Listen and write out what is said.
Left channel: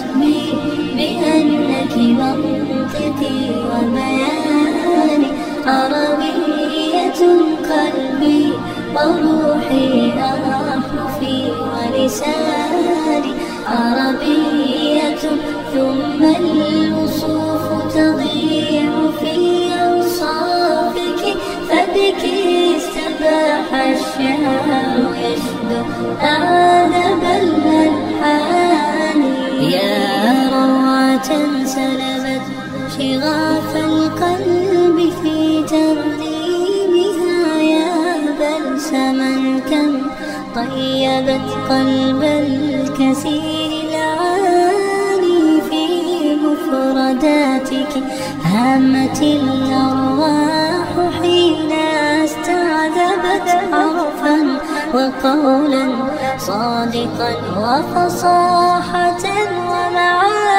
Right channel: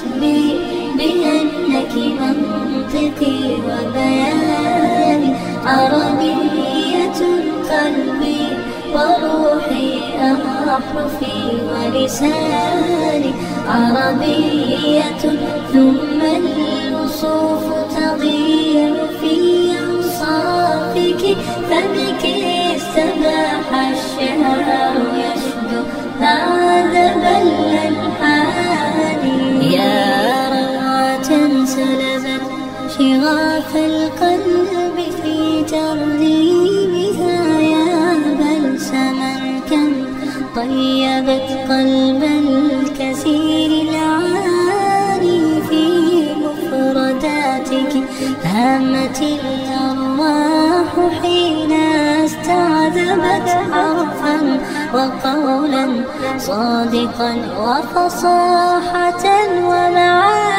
واسمي بأنك منطقي وبياني. عربية قلبي وروحي أحرفي ولساني. عربية ثم الوصوف تضيع في أوصافك، فبك استباح الشعر يشدو أعذب الألحان. يا روعة سلبت شغاف القلب في ترنيمها، يا بلسما كم طيبت قلب الكثير العاني. في مفرداتك هامت الأرواح حين استعذبت حرفا وقولا صادقا وفصاحة ومعاني.